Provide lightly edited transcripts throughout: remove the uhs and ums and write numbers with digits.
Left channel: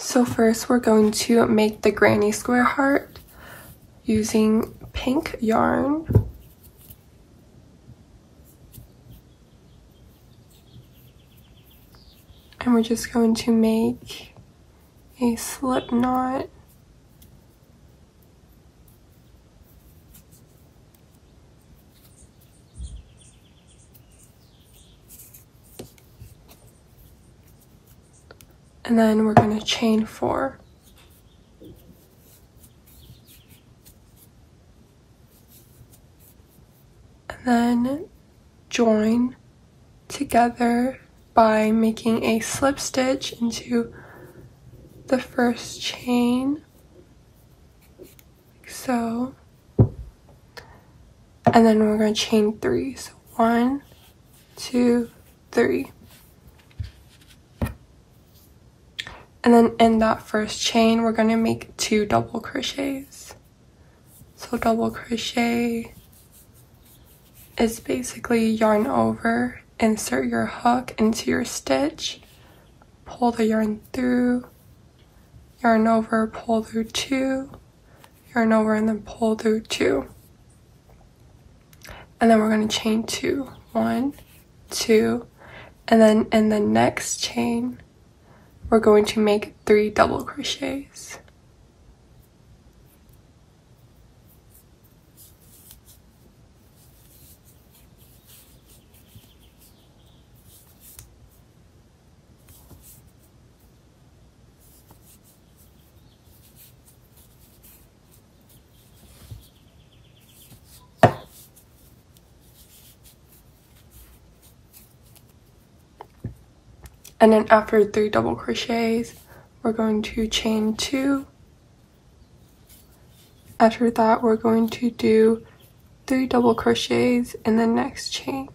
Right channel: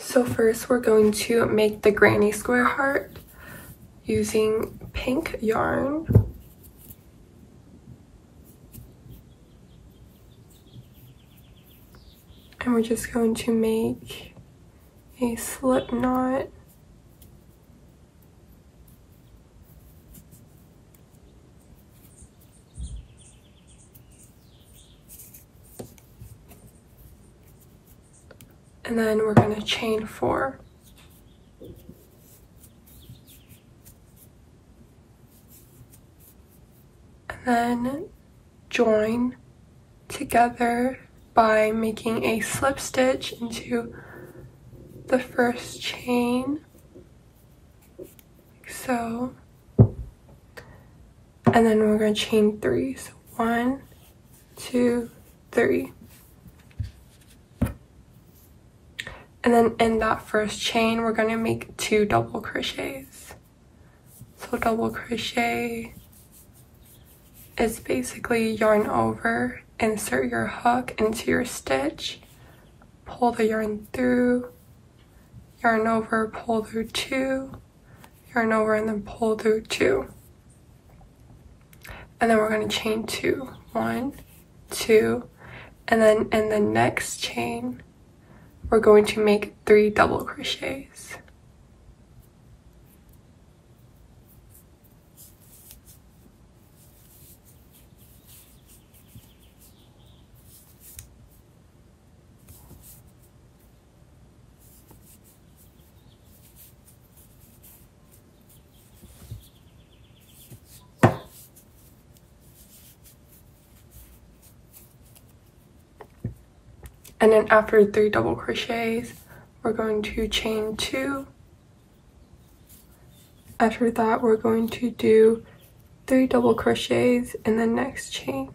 So first we're going to make the granny square heart using pink yarn. And we're just going to make a slip knot. And then we're going to chain 4. And then join together by making a slip stitch into the first chain, like so. And then we're going to chain 3. So 1, 2, 3. And then in that first chain, we're going to make 2 double crochets. So double crochet is basically yarn over, insert your hook into your stitch, pull the yarn through, yarn over, pull through 2, yarn over, and then pull through 2. And then we're going to chain 2. 1, 2, and then in the next chain, we're going to make 3 double crochets. And then after 3 double crochets, we're going to chain 2. After that, we're going to do 3 double crochets in the next chain.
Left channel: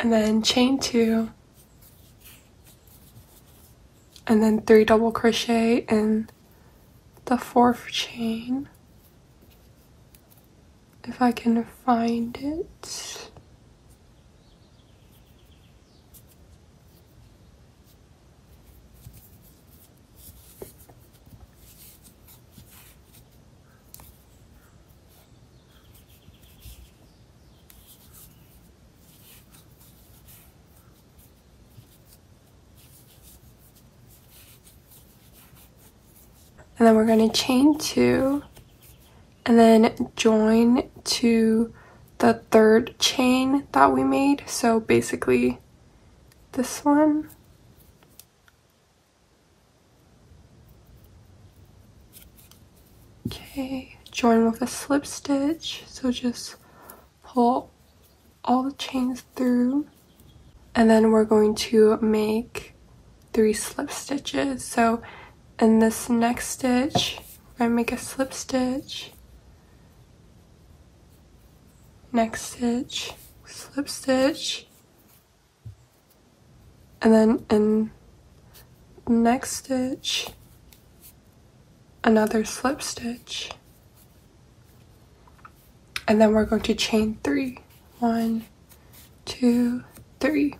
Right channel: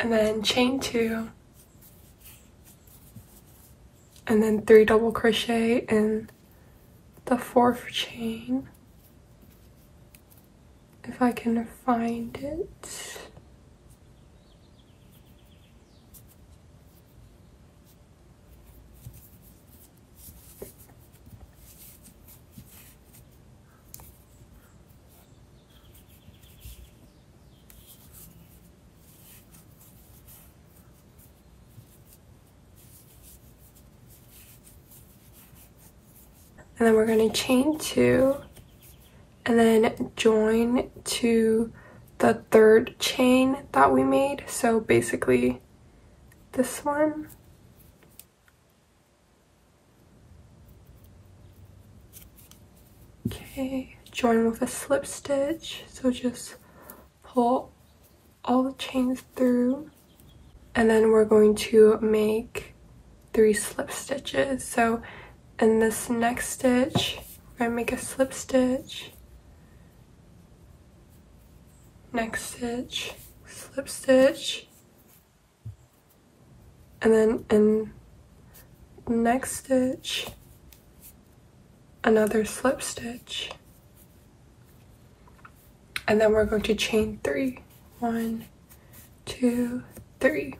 And then chain 2, and then 3 double crochet in the 4th chain, if I can find it. And then we're going to chain 2 and then join to the 3rd chain that we made. So basically this one. Okay, join with a slip stitch. So just pull all the chains through. And then we're going to make 3 slip stitches. So in this next stitch, we're gonna make a slip stitch, next stitch, slip stitch, and then in the next stitch, another slip stitch. And then we're going to chain 3. 1, 2, 3.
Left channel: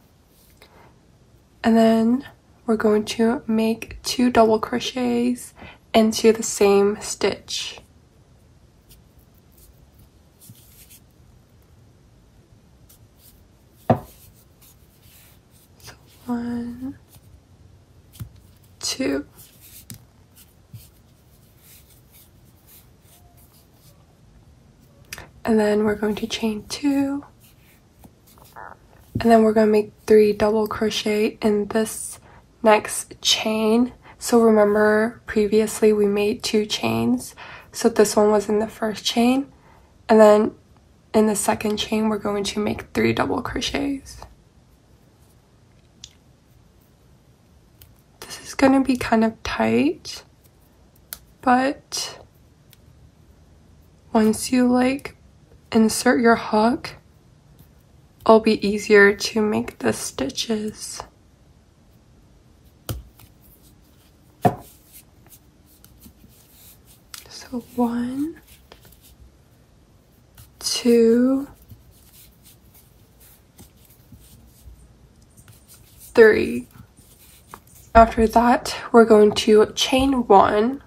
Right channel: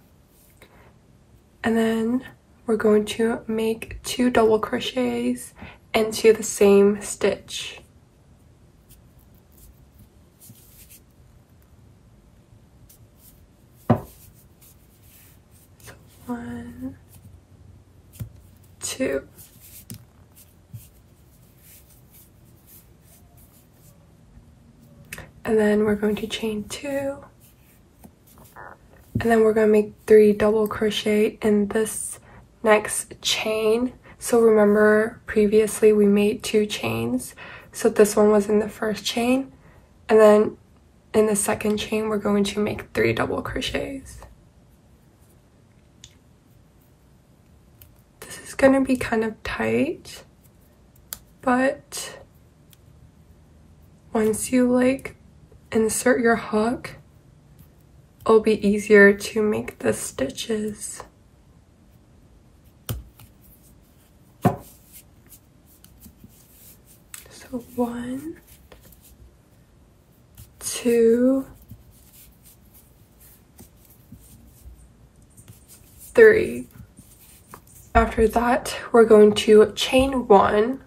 And then we're going to make 2 double crochets into the same stitch. So 1, 2. And then we're going to chain 2. And then we're going to make 3 double crochet in this next chain. So remember previously we made 2 chains, so this one was in the first chain, and then in the second chain we're going to make 3 double crochets. This is going to be kind of tight, but once you like insert your hook it'll be easier to make the stitches. So 1, 2, 3. After that, we're going to chain 1,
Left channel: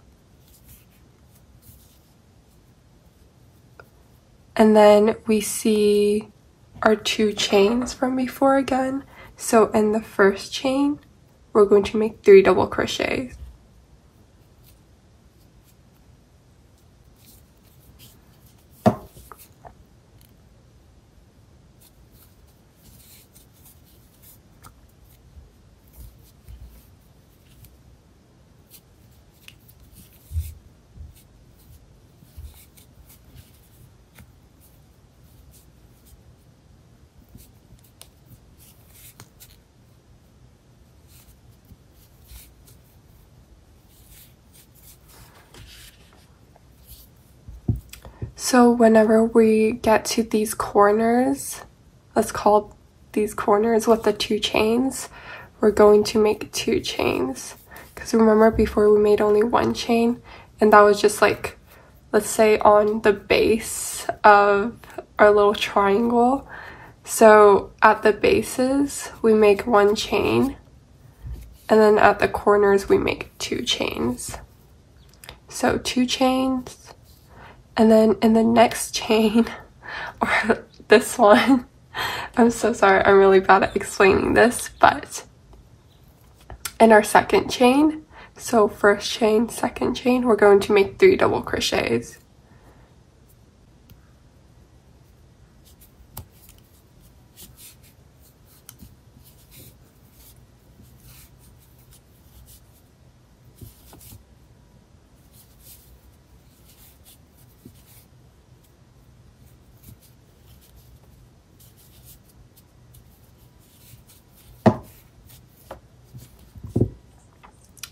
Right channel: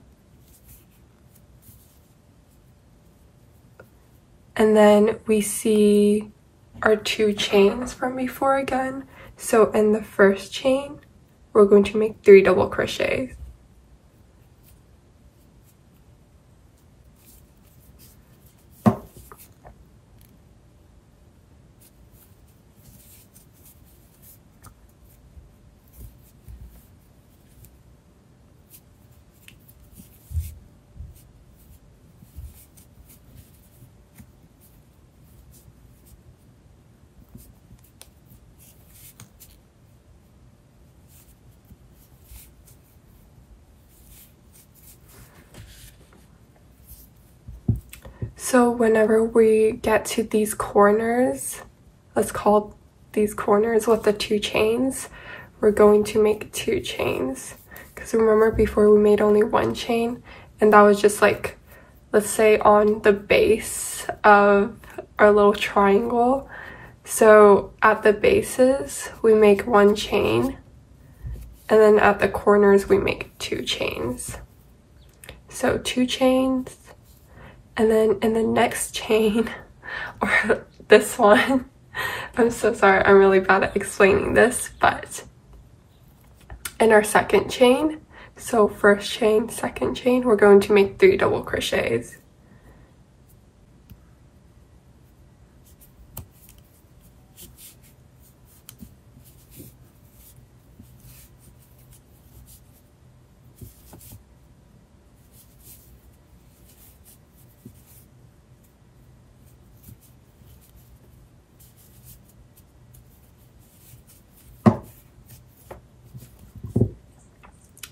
and then we see our 2 chains from before again. So in the first chain, we're going to make 3 double crochets. So whenever we get to these corners, let's call these corners with the 2 chains, we're going to make 2 chains. Because remember before we made only 1 chain, and that was just like, let's say on the base of our little triangle. So at the bases, we make 1 chain, and then at the corners, we make 2 chains. So 2 chains. And then in the next chain, or this one, I'm so sorry, I'm really bad at explaining this, but in our second chain, so first chain, second chain, we're going to make 3 double crochets.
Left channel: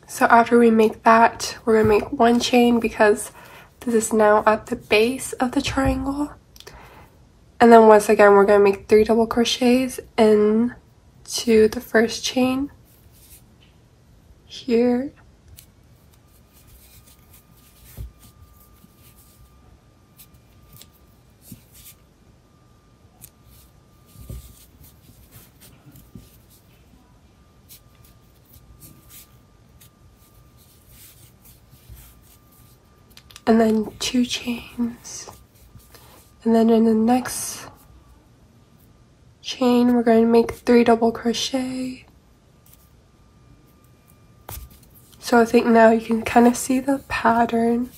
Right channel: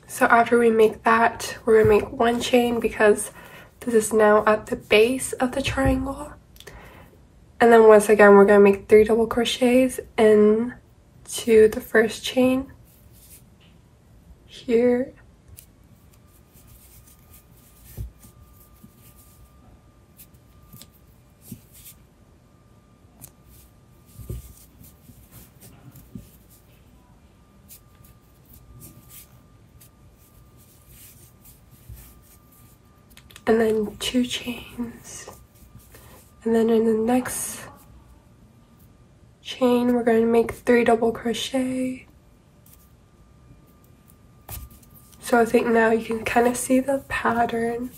So after we make that, we're gonna make 1 chain because this is now at the base of the triangle. And then once again, we're gonna make 3 double crochets into the first chain here. And then 2 chains, and then in the next chain we're going to make 3 double crochet. So I think now you can kind of see the pattern.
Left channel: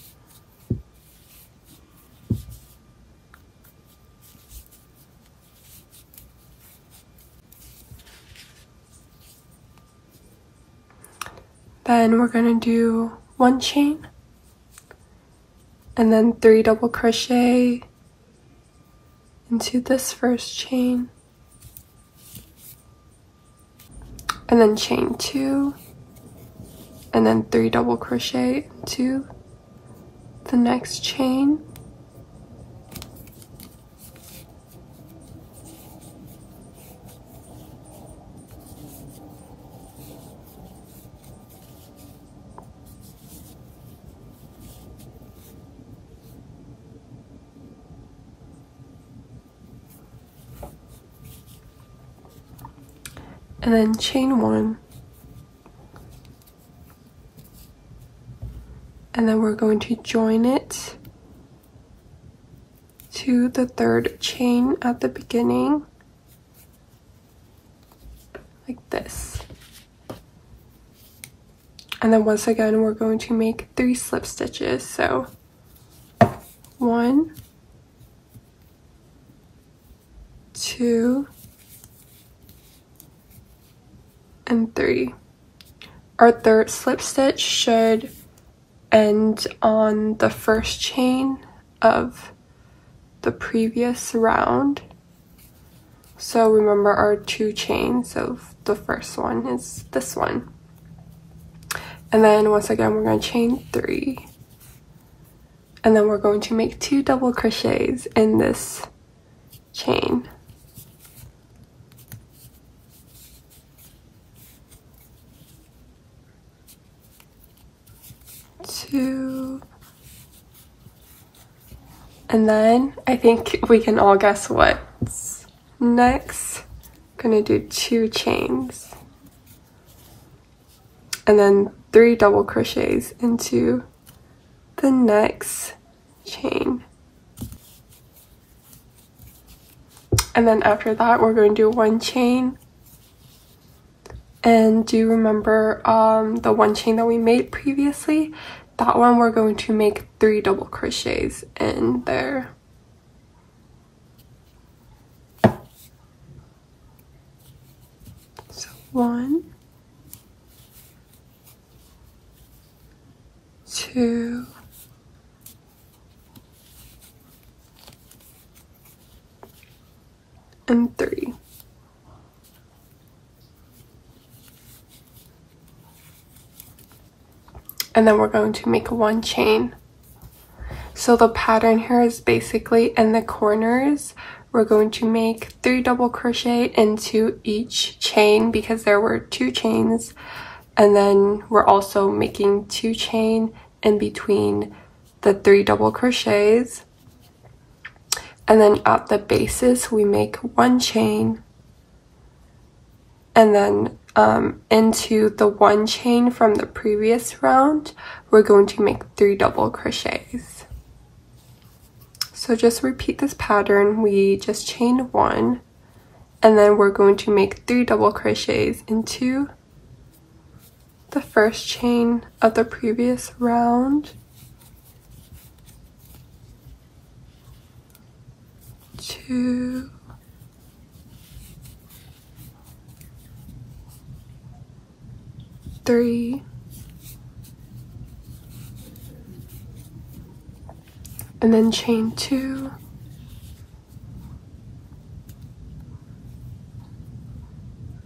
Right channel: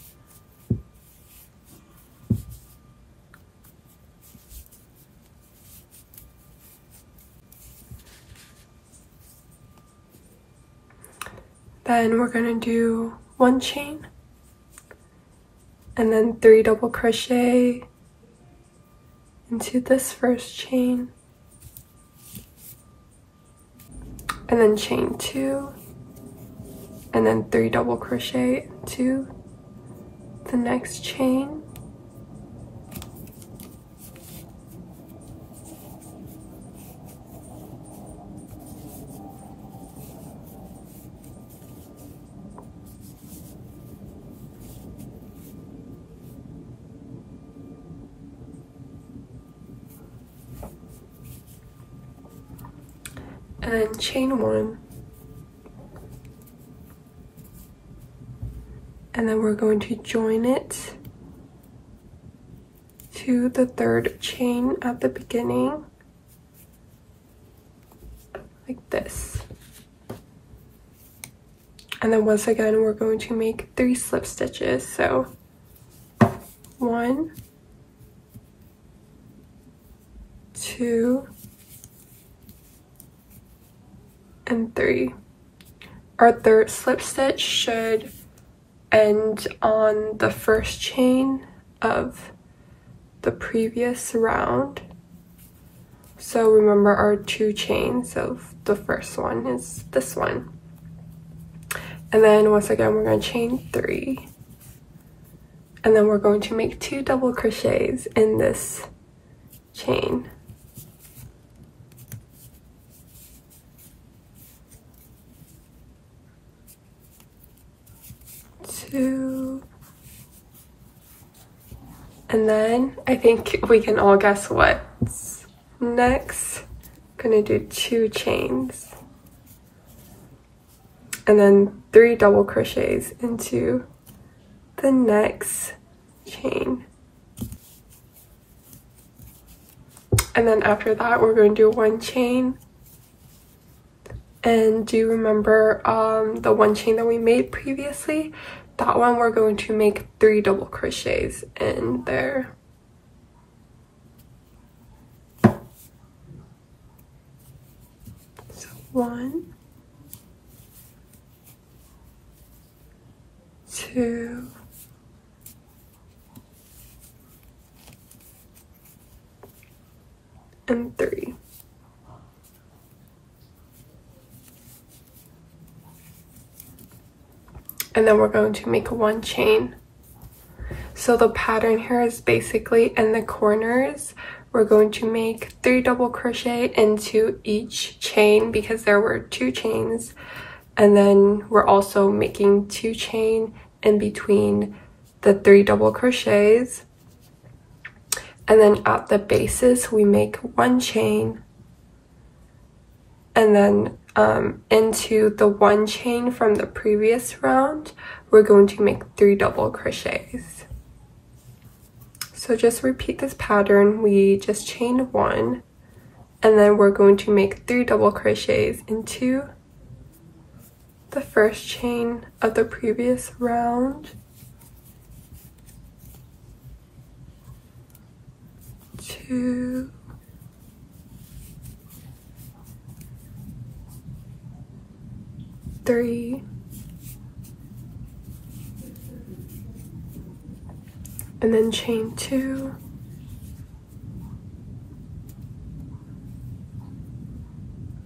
Then we're going to do 1 chain, and then 3 double crochet into this first chain, and then chain 2, and then 3 double crochet into the next chain, and then chain 1, and then we're going to join it to the 3rd chain at the beginning, like this. And then once again, we're going to make 3 slip stitches. So 1, 2, and 3. Our 3rd slip stitch should end on the first chain of the previous round. So remember our 2 chains, so the first one is this one. And then once again, we're going to chain 3. And then we're going to make 2 double crochets in this chain. And then I think we can all guess what's next. I'm gonna do 2 chains and then 3 double crochets into the next chain. And then after that, we're going to do 1 chain. And do you remember the 1 chain that we made previously? That one we're going to make 3 double crochets in there. So 1, 2, and 3. And then we're going to make 1 chain. So the pattern here is basically in the corners, we're going to make 3 double crochet into each chain because there were 2 chains. And then we're also making 2 chain in between the 3 double crochets. And then at the bases, we make 1 chain. And then into the 1 chain from the previous round, we're going to make 3 double crochets. So just repeat this pattern. We just chain 1, and then we're going to make 3 double crochets into the first chain of the previous round, 2, 3, and then chain 2,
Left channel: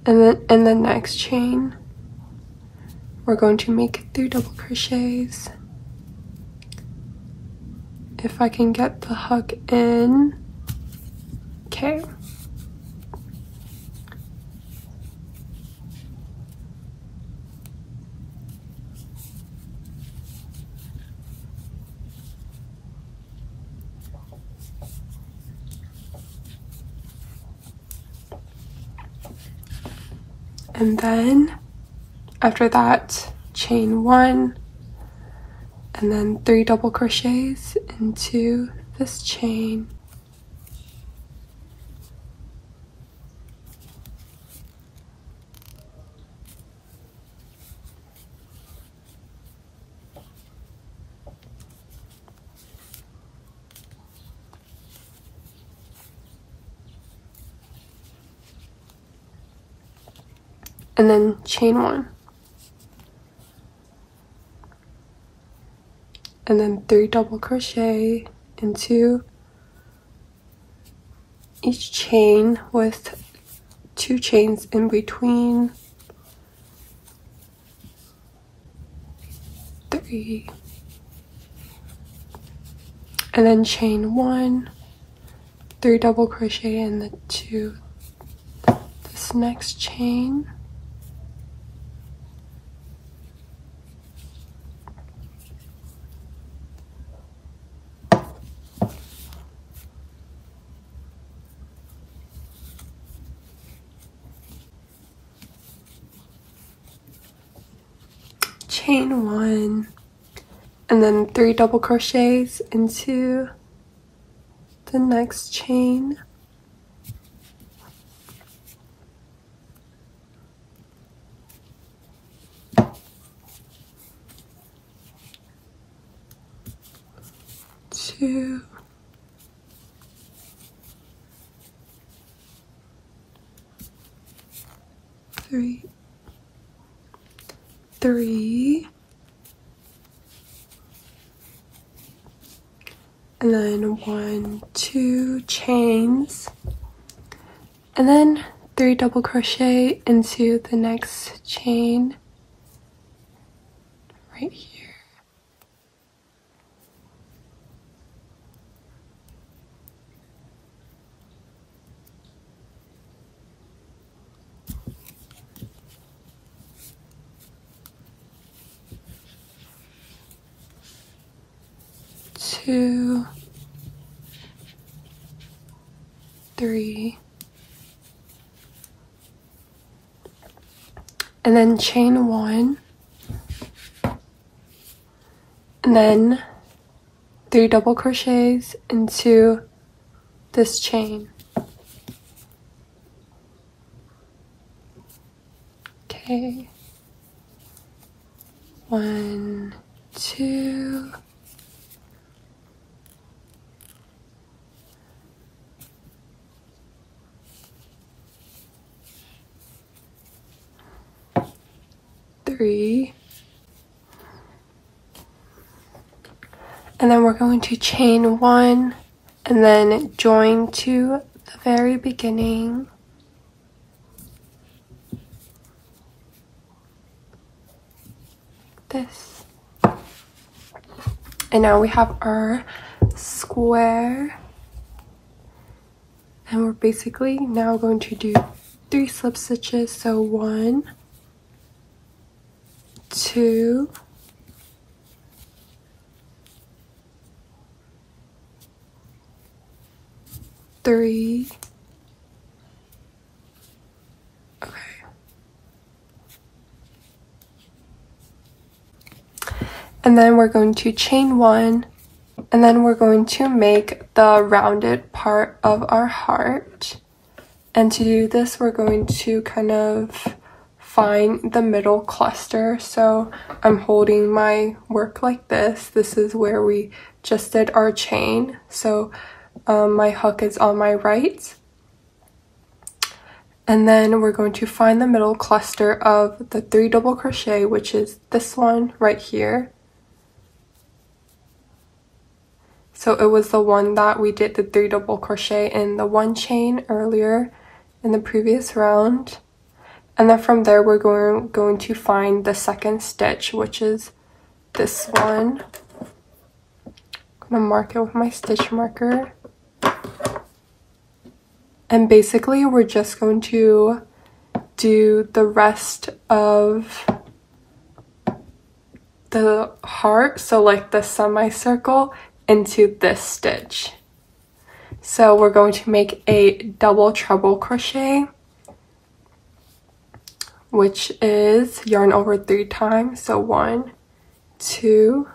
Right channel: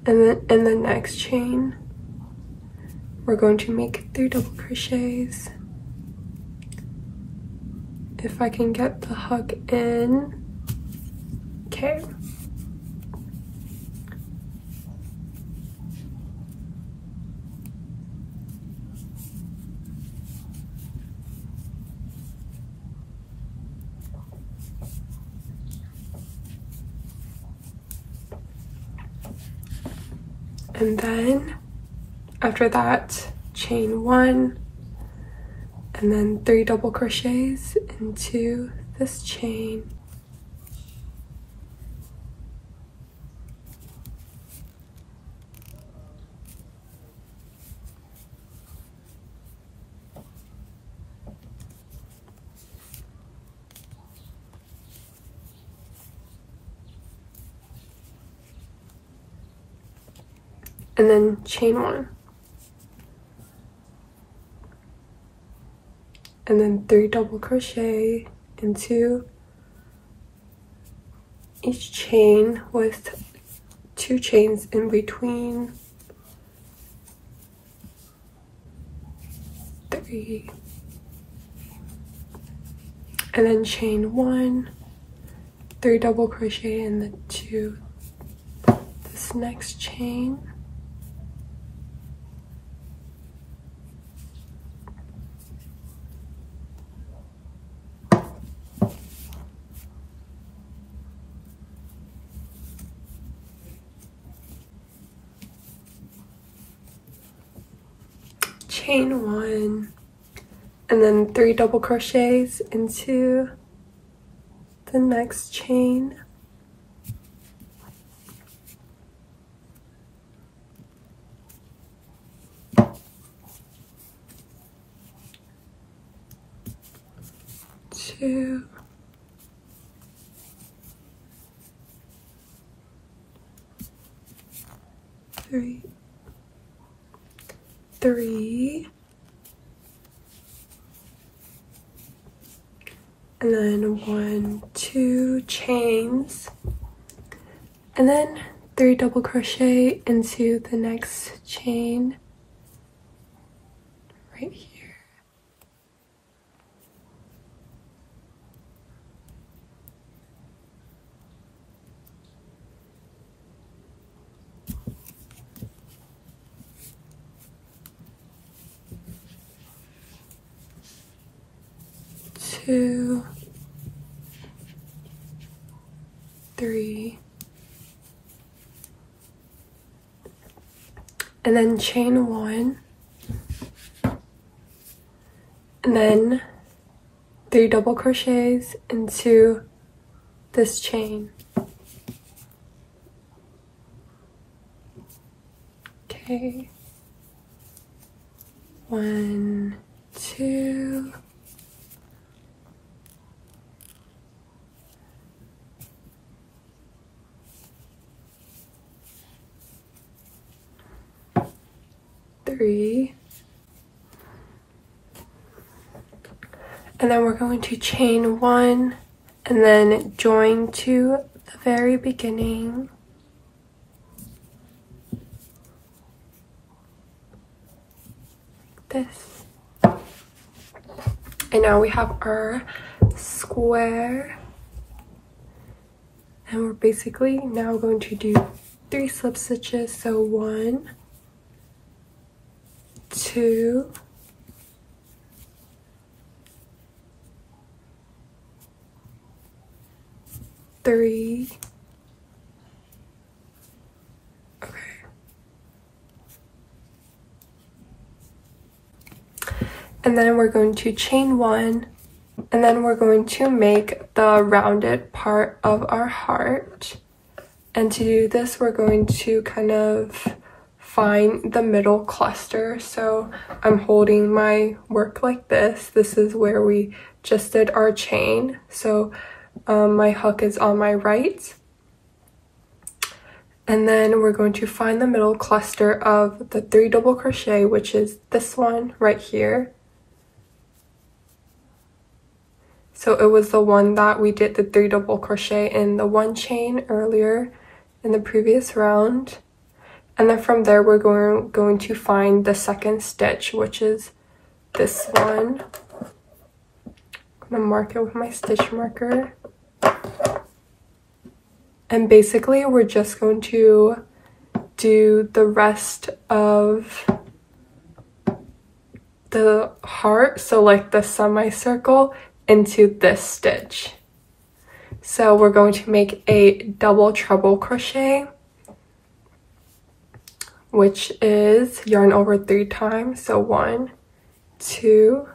and then in the next chain we're going to make 3 double crochets. If I can get the hook in. Okay. And then after that, chain 1, and then 3 double crochets into this chain. And then chain 1. And then 3 double crochet into each chain with 2 chains in between. 3. And then chain 1, 3 double crochet into this next chain. Chain 1, and then 3 double crochets into the next chain. Two, 3, 3, and then 1, 2 chains, and then 3 double crochet into the next chain right here. Two, 3, and then chain 1, and then 3 double crochets into this chain. Okay, 1, 2, 3, and then we're going to chain 1 and then join to the very beginning. This. And now we have our square, and we're basically now going to do 3 slip stitches. So 1, 2, 3, okay, and then we're going to chain 1, and then we're going to make the rounded part of our heart. And to do this, we're going to kind of find the middle cluster. So I'm holding my work like this. This is where we just did our chain. So my hook is on my right. And then we're going to find the middle cluster of the 3 double crochet, which is this one right here. So it was the one that we did the 3 double crochet in the 1 chain earlier in the previous round. And then from there, we're going to find the second stitch, which is this one. I'm gonna mark it with my stitch marker. And basically, we're just going to do the rest of the heart, so like the semicircle, into this stitch. So we're going to make a double treble crochet, which is yarn over 3 times. So 1, 2,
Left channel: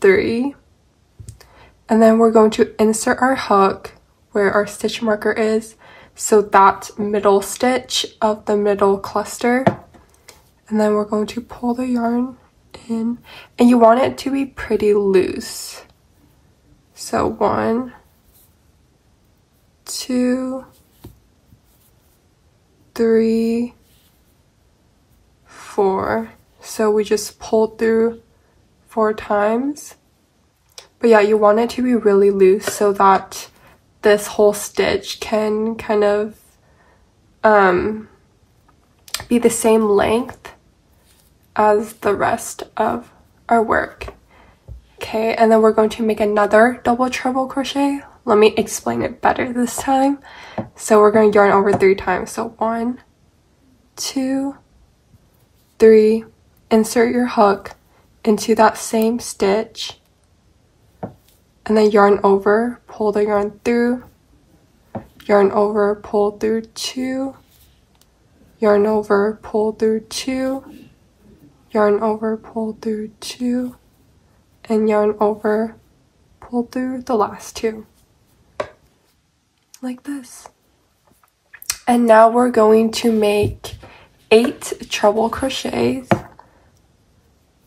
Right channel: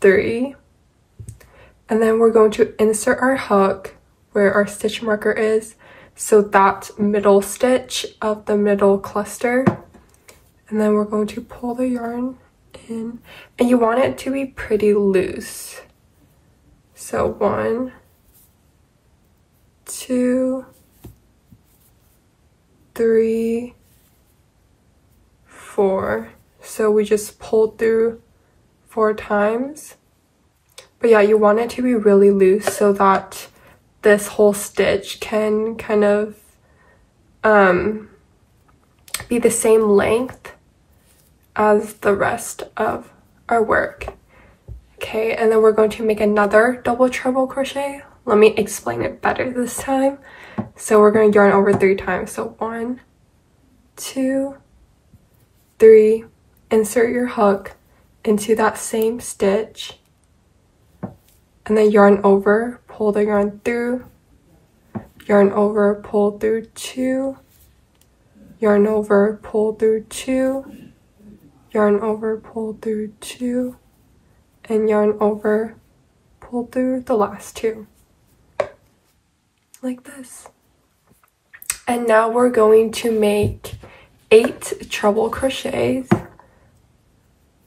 3. And then we're going to insert our hook where our stitch marker is. So that middle stitch of the middle cluster. And then we're going to pull the yarn in. And you want it to be pretty loose. So 1, 2, 3, 4. So we just pulled through 4 times. But yeah, you want it to be really loose so that this whole stitch can kind of be the same length as the rest of our work. Okay, and then we're going to make another double treble crochet. Let me explain it better this time. So we're going to yarn over 3 times. So 1, 2, 3, insert your hook into that same stitch, and then yarn over, pull the yarn through, yarn over, pull through 2, yarn over, pull through 2, yarn over, pull through 2, and yarn over, pull through the last 2, like this. And now we're going to make 8 treble crochets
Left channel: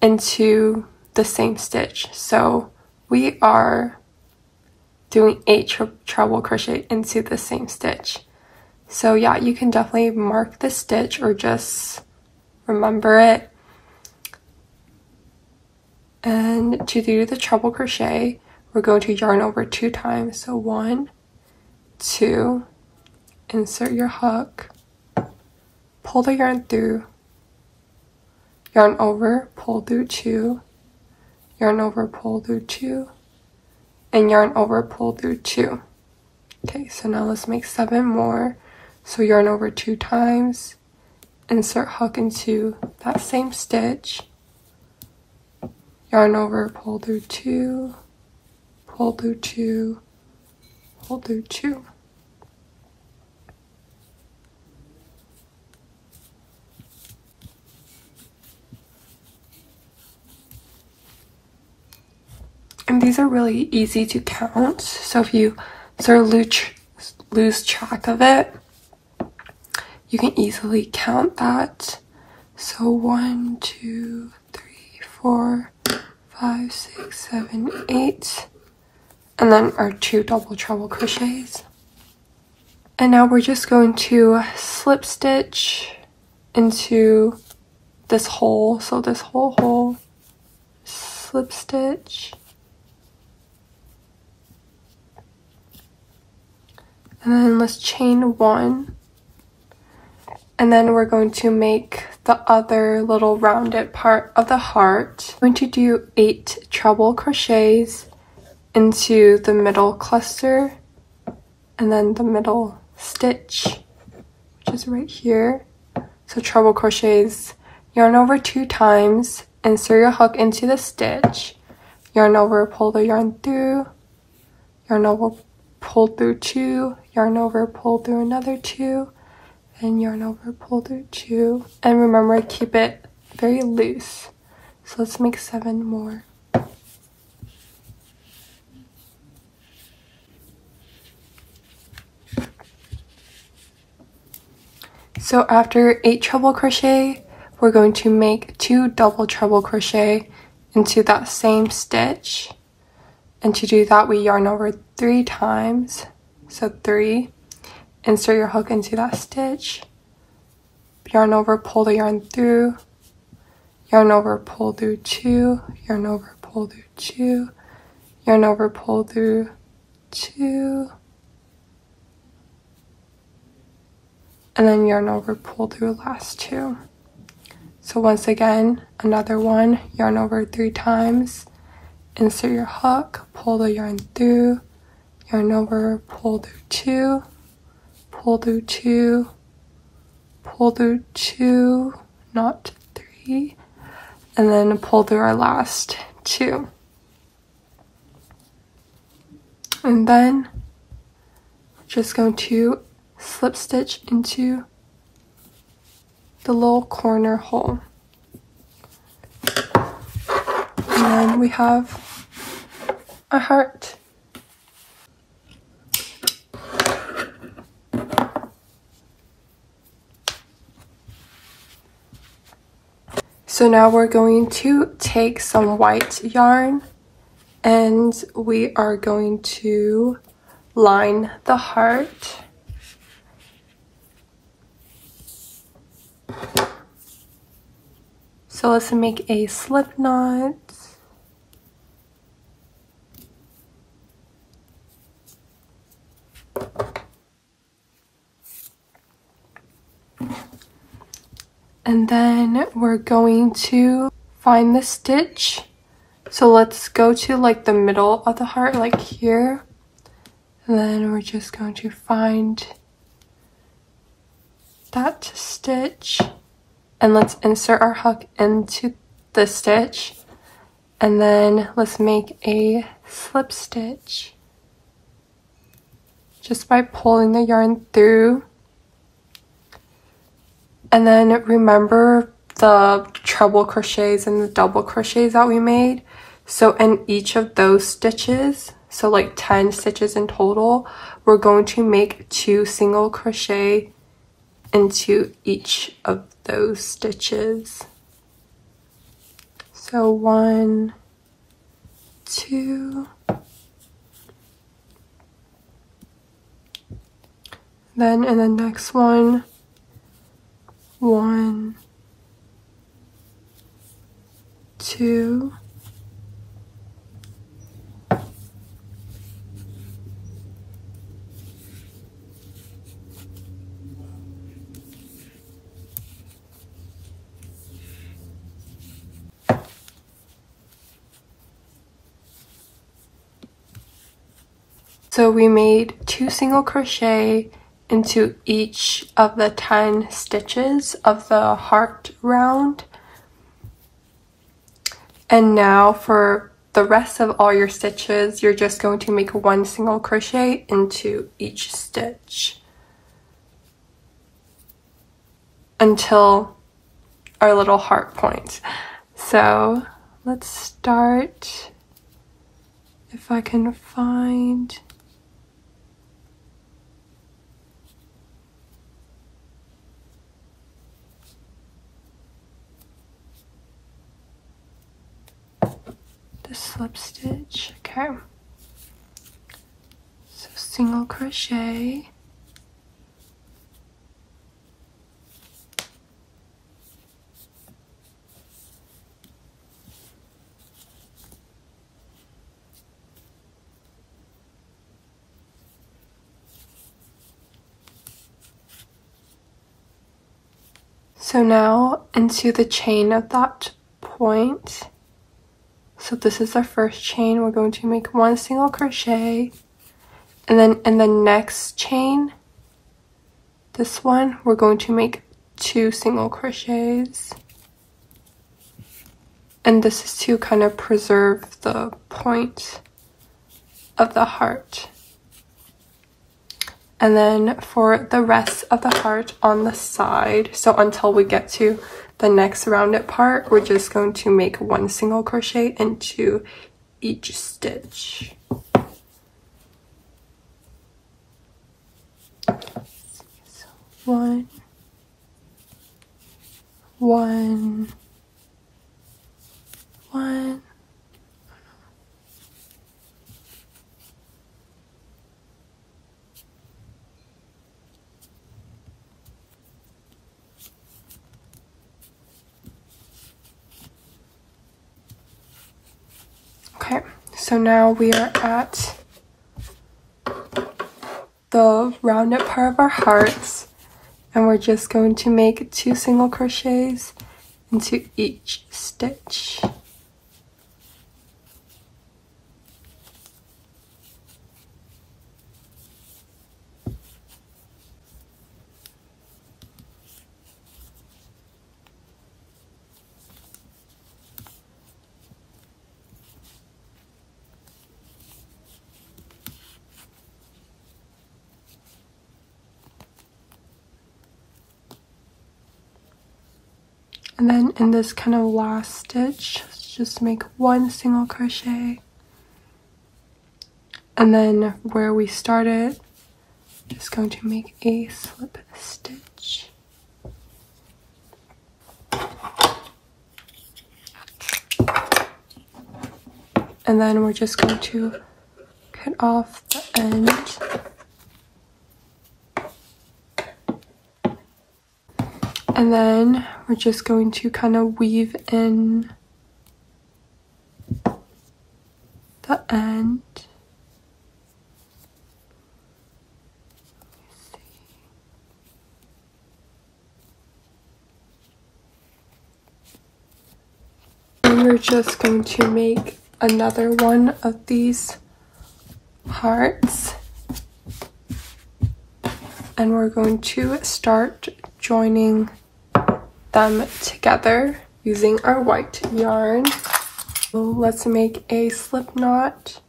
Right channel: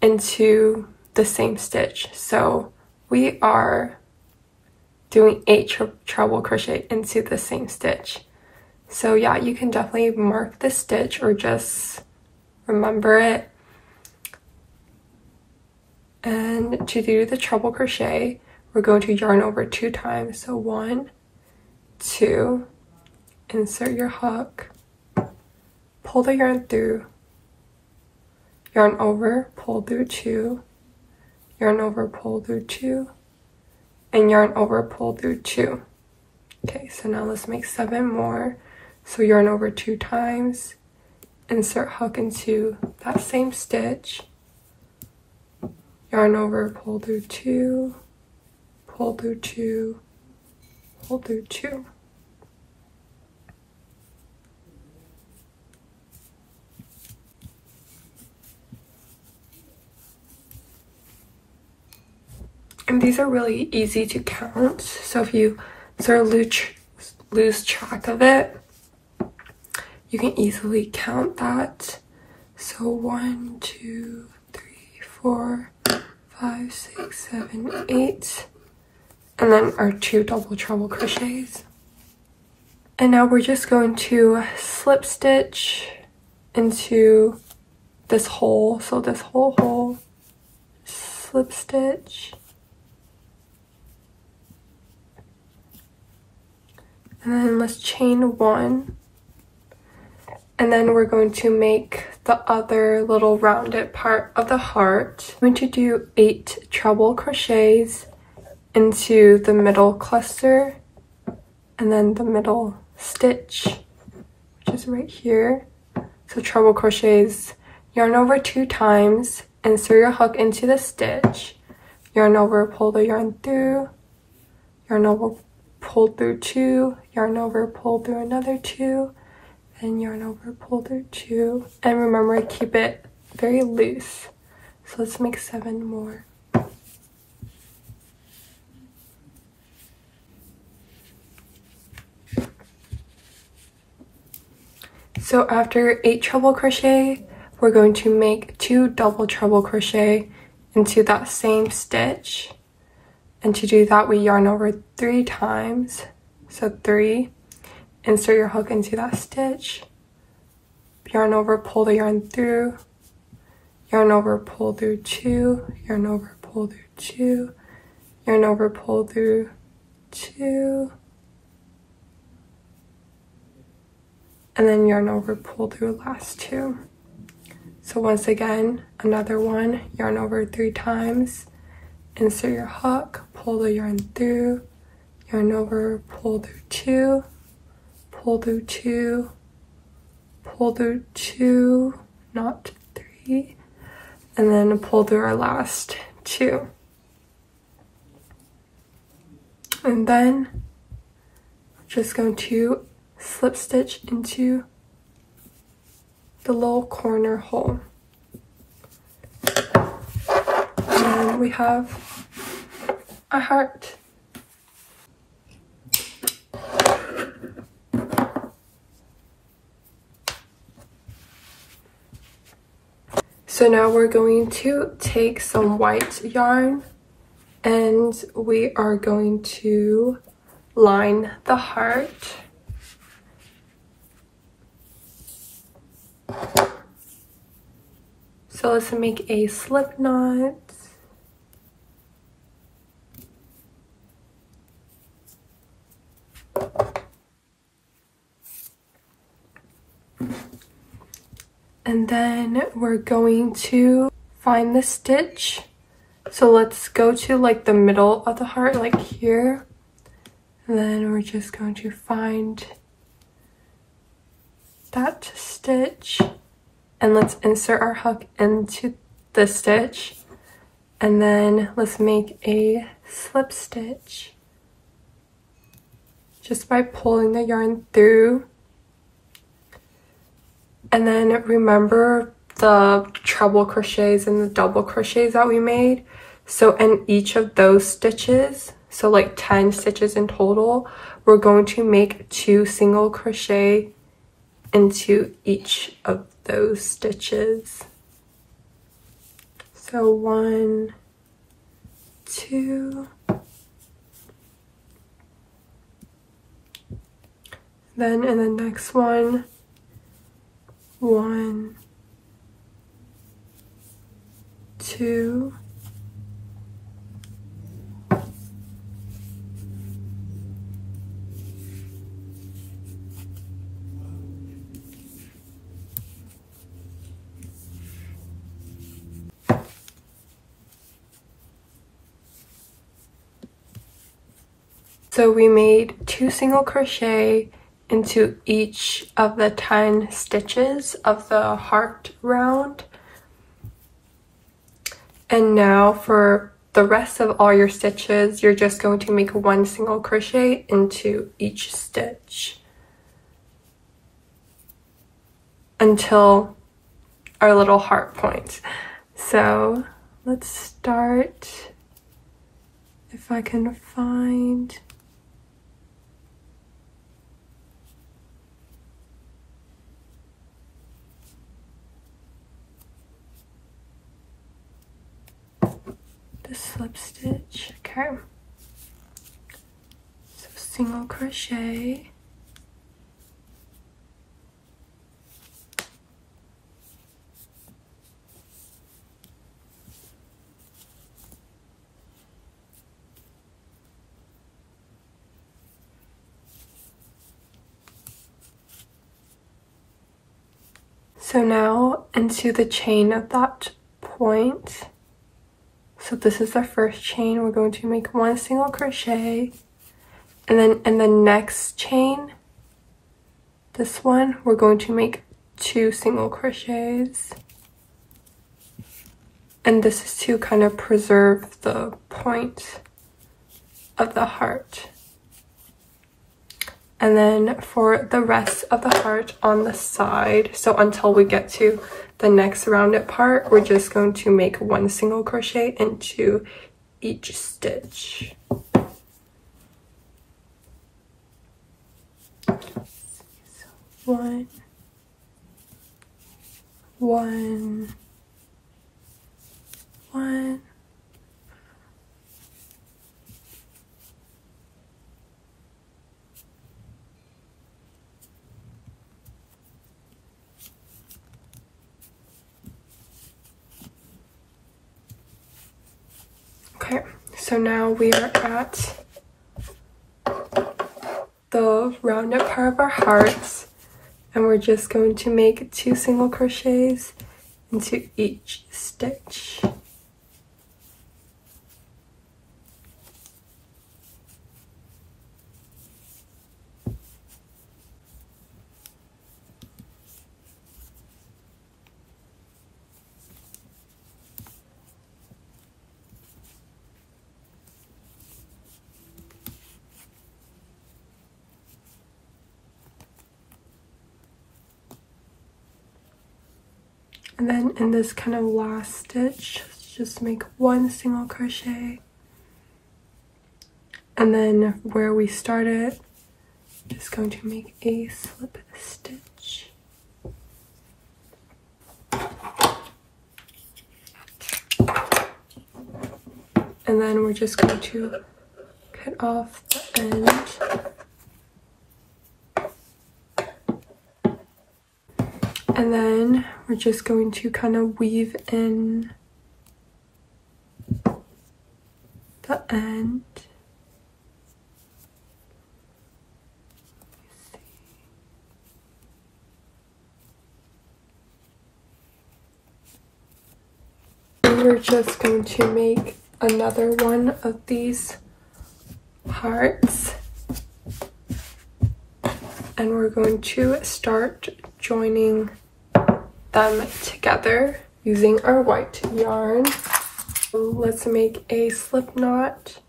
into the same stitch. So we are doing 8 treble crochet into the same stitch. So yeah, you can definitely mark the stitch or just remember it. And to do the treble crochet, we're going to yarn over 2 times. So 1, 2, insert your hook, pull the yarn through, yarn over, pull through 2, yarn over, pull through 2, and yarn over, pull through 2. Okay, so now let's make 7 more. So yarn over 2 times, insert hook into that same stitch, yarn over, pull through 2, pull through 2, pull through 2. And these are really easy to count, so if you sort of lose track of it, you can easily count that. So 1, 2, 3, 4, 5, 6, 7, 8, and then our 2 double treble crochets. And now we're just going to slip stitch into this hole, so this whole hole, slip stitch, and then let's chain 1, and then we're going to make the other little rounded part of the heart. I'm going to do 8 treble crochets into the middle cluster, and then the middle stitch, which is right here. So treble crochets, yarn over 2 times, insert your hook into the stitch, yarn over, pull the yarn through, yarn over, pull through 2, yarn over, pull through another 2, and yarn over, pull through 2. And remember, keep it very loose. So let's make 7 more. So after 8 treble crochet, we're going to make 2 double treble crochet into that same stitch. And to do that, we yarn over 3 times. So 3, insert your hook into that stitch, yarn over, pull the yarn through, yarn over, pull through 2, yarn over, pull through 2, yarn over, pull through 2, and then yarn over, pull through last 2. So once again, another one, yarn over 3 times, insert your hook, pull the yarn through, yarn over, pull through 2, pull through 2, pull through 2, not 3, and then pull through our last 2. And then we're just going to slip stitch into the little corner hole. And then we have our heart. So now we're going to take some white yarn and we are going to line the heart. So let's make a slip knot. And then we're going to find the stitch. So let's go to like the middle of the heart, like here. And then we're just going to find that stitch. And let's insert our hook into the stitch. And then let's make a slip stitch just by pulling the yarn through. And then remember the treble crochets and the double crochets that we made. So in each of those stitches, so like 10 stitches in total, we're going to make 2 single crochet into each of those stitches. So 1, 2, then in the next one, 1, 2, so we made 2 single crochet into each of the 10 stitches of the heart round. And now for the rest of all your stitches, you're just going to make 1 single crochet into each stitch until our little heart point. So let's start if I can find the slip stitch. Okay, so single crochet, so now into the chain of that point. So this is the first chain. We're going to make 1 single crochet, and then in the next chain, this one, we're going to make 2 single crochets, and this is to kind of preserve the point of the heart. And then for the rest of the heart on the side, so until we get to the next rounded part, we're just going to make 1 single crochet into each stitch. So 1, 1, 1. Okay, so now we are at the rounded part of our hearts, and we're just going to make 2 single crochets into each stitch. And then in this kind of last stitch, just make 1 single crochet. And then where we started, just going to make a slip stitch. And then we're just going to cut off the end. And then we're just going to kind of weave in the end. We're just going to make another one of these hearts, and we're going to start joining them together using our white yarn. So let's make a slip knot.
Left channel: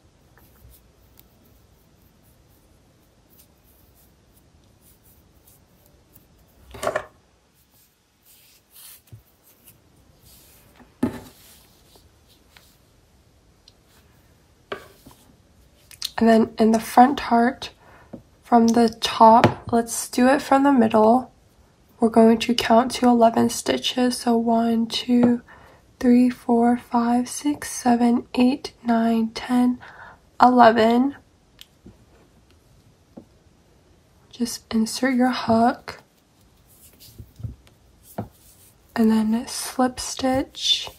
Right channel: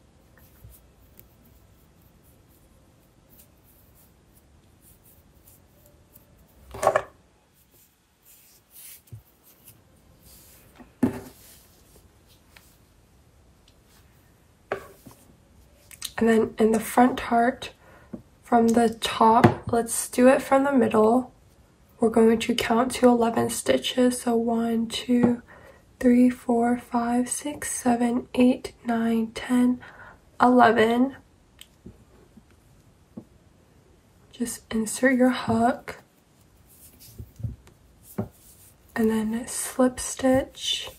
And then in the front heart, from the top, let's do it from the middle. We're going to count to 11 stitches. So 1, 2, 3, 4, 5, 6, 7, 8, 9, 10, 11. Just insert your hook. And then slip stitch.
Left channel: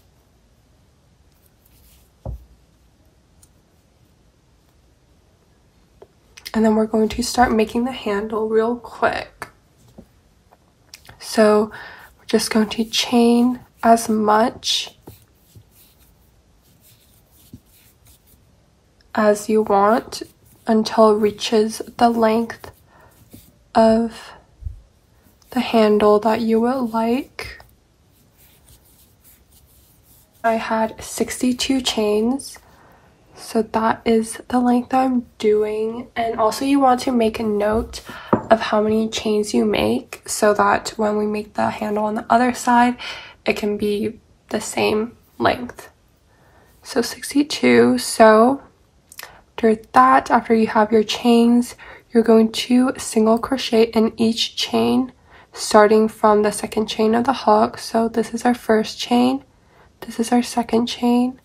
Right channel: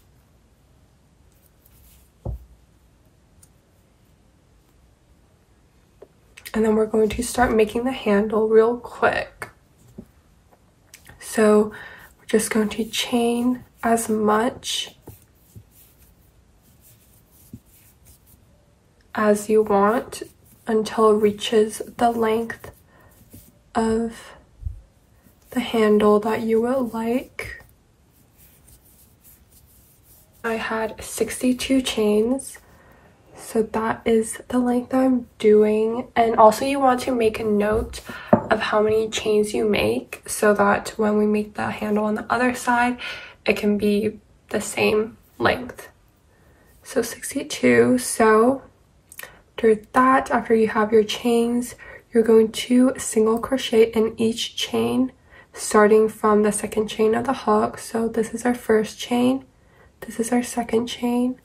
And then we're going to start making the handle real quick. So we're just going to chain as much as you want until it reaches the length of the handle that you would like. I had 62 chains. So that is the length I'm doing. And also you want to make a note of how many chains you make so that when we make the handle on the other side, it can be the same length. So 62. So after you have your chains, you're going to single crochet in each chain, starting from the second chain of the hook. So this is our first chain, this is our second chain,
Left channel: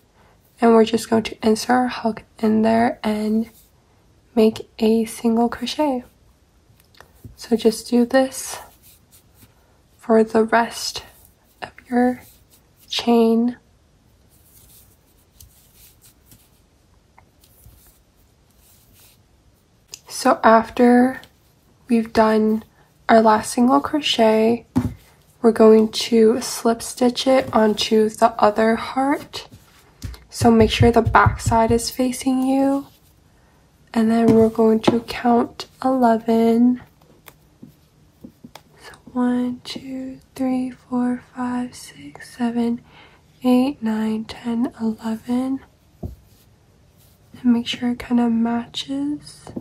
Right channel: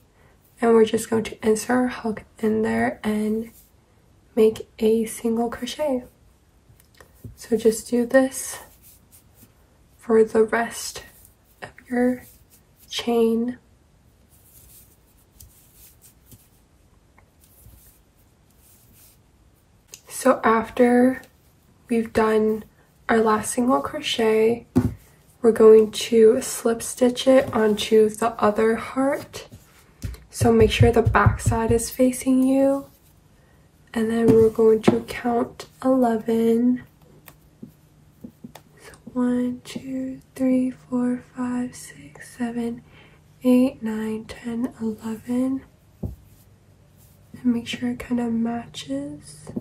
and we're just going to insert our hook in there and make a single crochet. So just do this for the rest of your chain. So after we've done our last single crochet, we're going to slip stitch it onto the other heart. So make sure the back side is facing you. And then we're going to count 11. So 1, 2, 3, 4, 5, 6, 7, 8, 9, 10, 11. And make sure it kind of matches.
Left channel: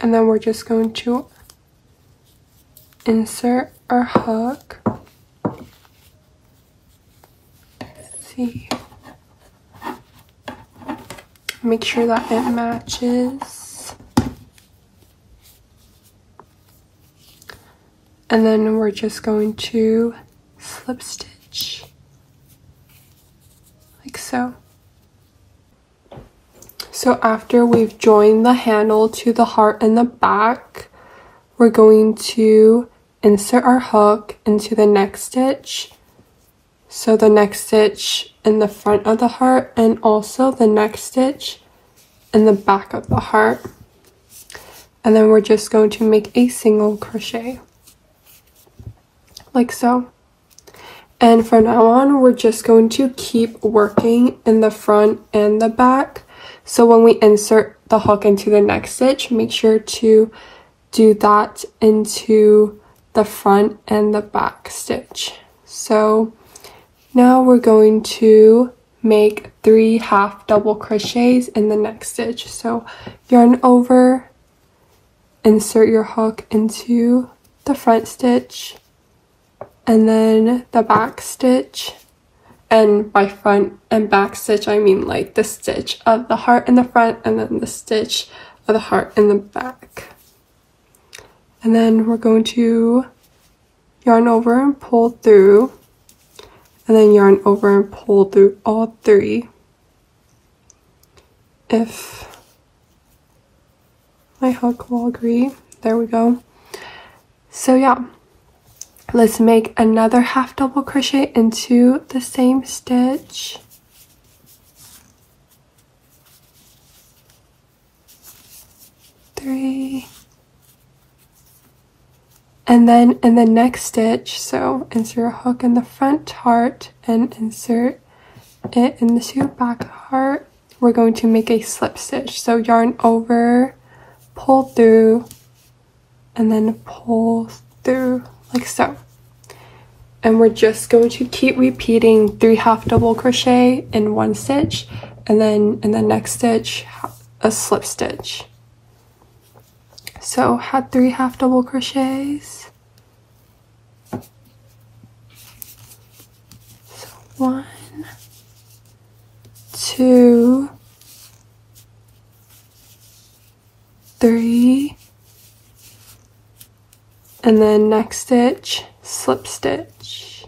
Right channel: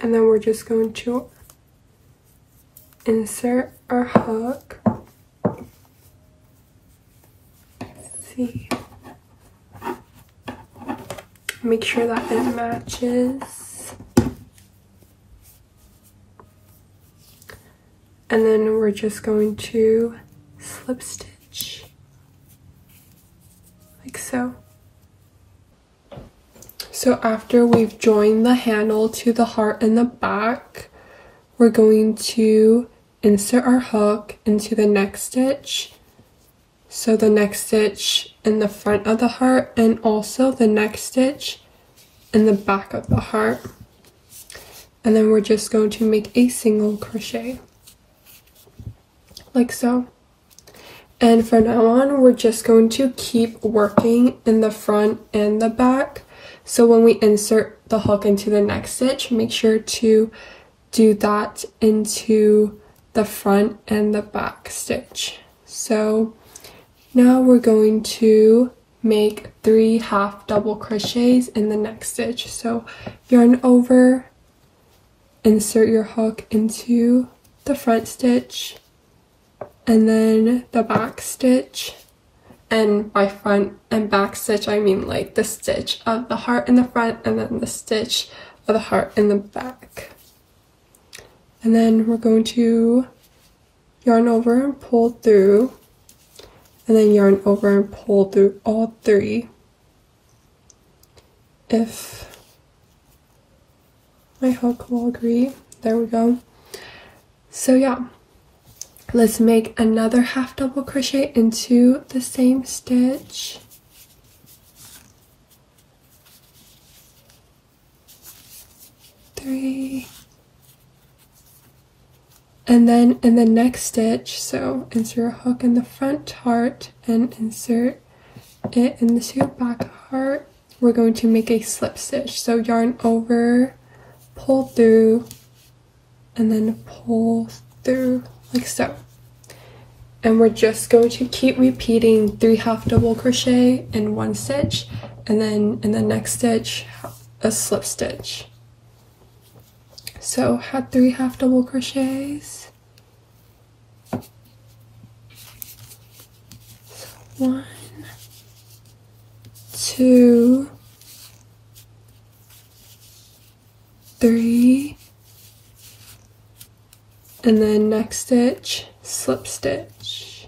And then we're just going to insert our hook. Let's see. Make sure that it matches. And then we're just going to slip stitch like so. So after we've joined the handle to the heart in the back, we're going to insert our hook into the next stitch. So the next stitch in the front of the heart, and also the next stitch in the back of the heart. And then we're just going to make a single crochet like so. And from now on, we're just going to keep working in the front and the back. So when we insert the hook into the next stitch, make sure to do that into the front and the back stitch. So now we're going to make 3 half double crochets in the next stitch. So yarn over, insert your hook into the front stitch, and then the back stitch. And by front and back stitch, I mean like the stitch of the heart in the front and then the stitch of the heart in the back. And then we're going to yarn over and pull through, and then yarn over and pull through all 3. If my hook will agree. There we go. So yeah. Let's make another half double crochet into the same stitch. Three. And then in the next stitch, so insert a hook in the front heart and insert it into back heart, we're going to make a slip stitch. So yarn over, pull through, and then pull through like so. And we're just going to keep repeating 3 half double crochet in one stitch, and then in the next stitch a slip stitch. So had 3 half double crochets. So 1, 2, 3, and then next stitch, slip stitch.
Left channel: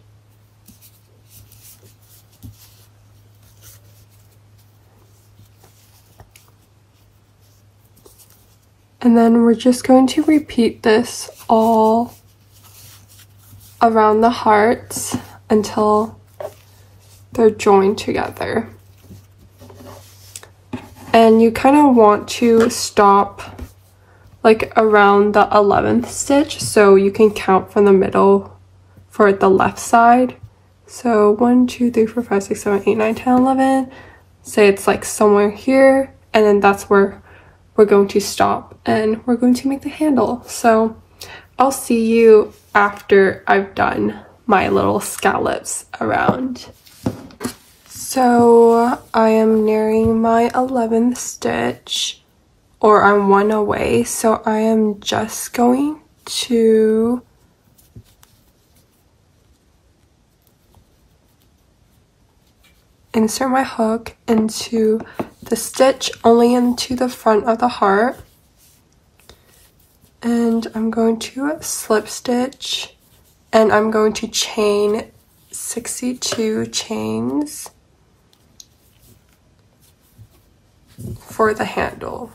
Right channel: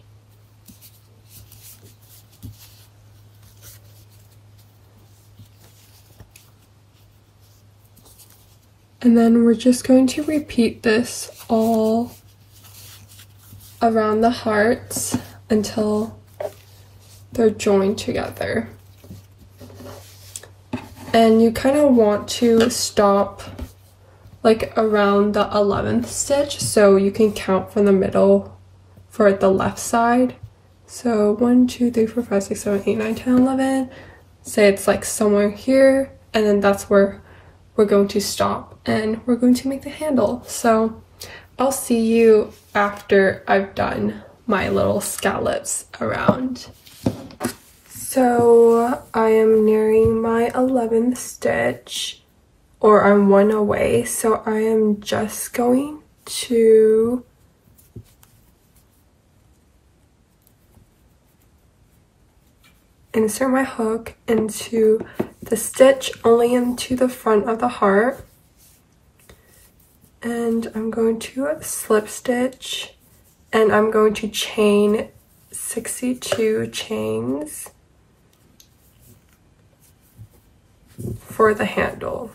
And then we're just going to repeat this all around the hearts until they're joined together. And you kind of want to stop like around the 11th stitch, so you can count from the middle for the left side. So 1, 2, 3, 4, 5, 6, 7, 8, 9, 10, 11. Say it's like somewhere here, and then that's where we're going to stop, and we're going to make the handle. So I'll see you after I've done my little scallops around. So I am nearing my 11th stitch, or I'm 1 away, so I am just going to insert my hook into the stitch only into the front of the heart, and I'm going to slip stitch, and I'm going to chain 62 chains for the handle.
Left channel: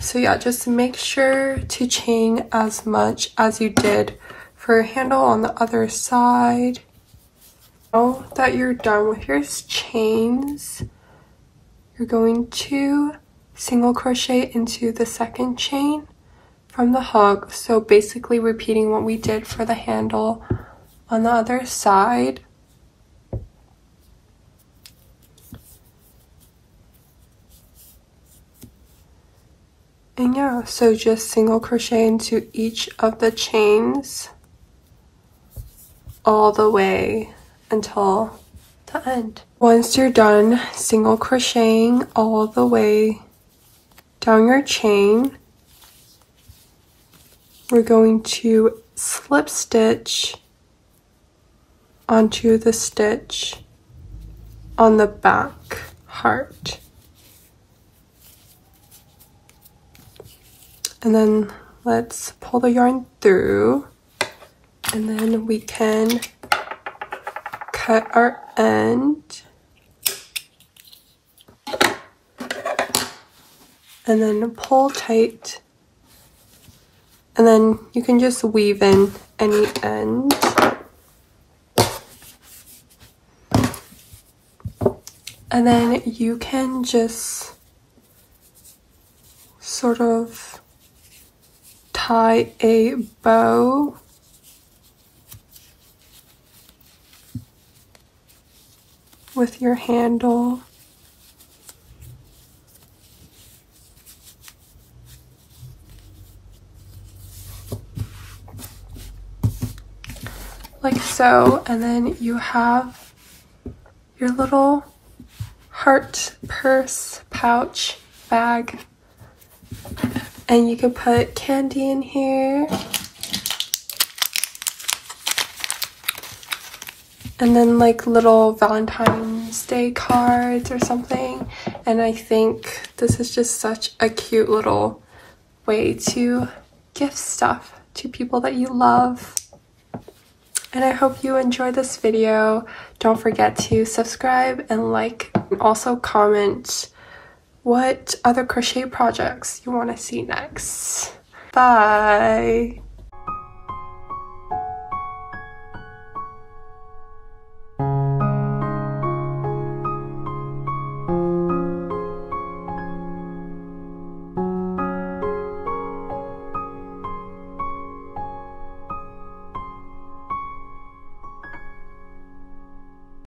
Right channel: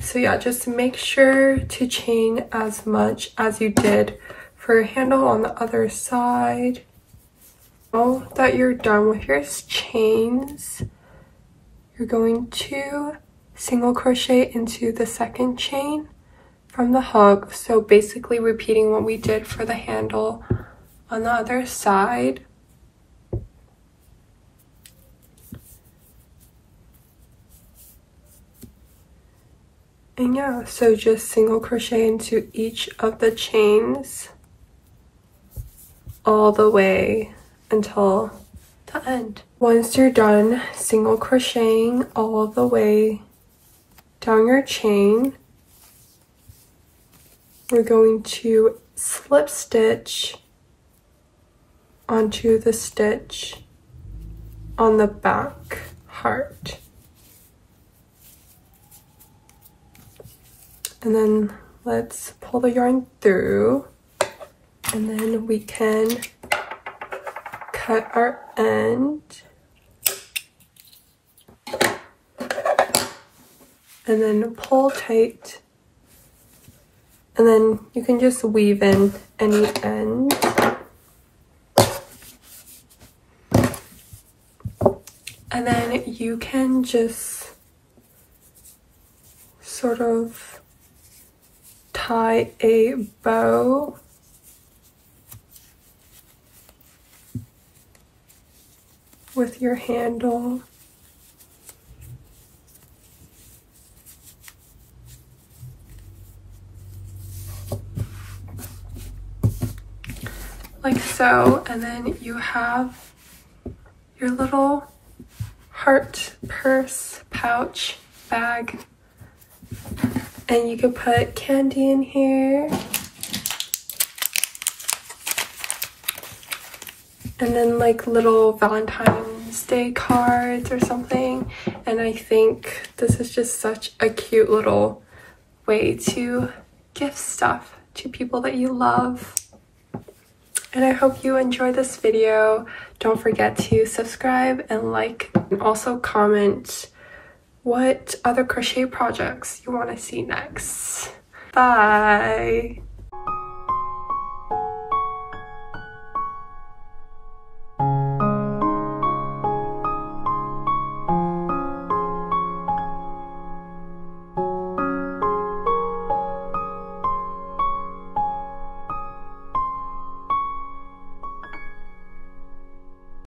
So yeah, just make sure to chain as much as you did for your handle on the other side. Now that you're done with your chains, you're going to single crochet into the second chain from the hook. So basically repeating what we did for the handle on the other side. And yeah, so just single crochet into each of the chains all the way until the end. Once you're done single crocheting all the way down your chain, we're going to slip stitch onto the stitch on the back heart. And then let's pull the yarn through, and then we can cut our end, and then pull tight, and then you can just weave in any end. And then you can just sort of tie a bow with your handle. Like so, and then you have your little heart purse pouch bag, and you could put candy in here, and then like little Valentine's Day cards or something. And I think this is just such a cute little way to gift stuff to people that you love. And I hope you enjoyed this video. Don't forget to subscribe and like, and also comment what other crochet projects you want to see next. Bye!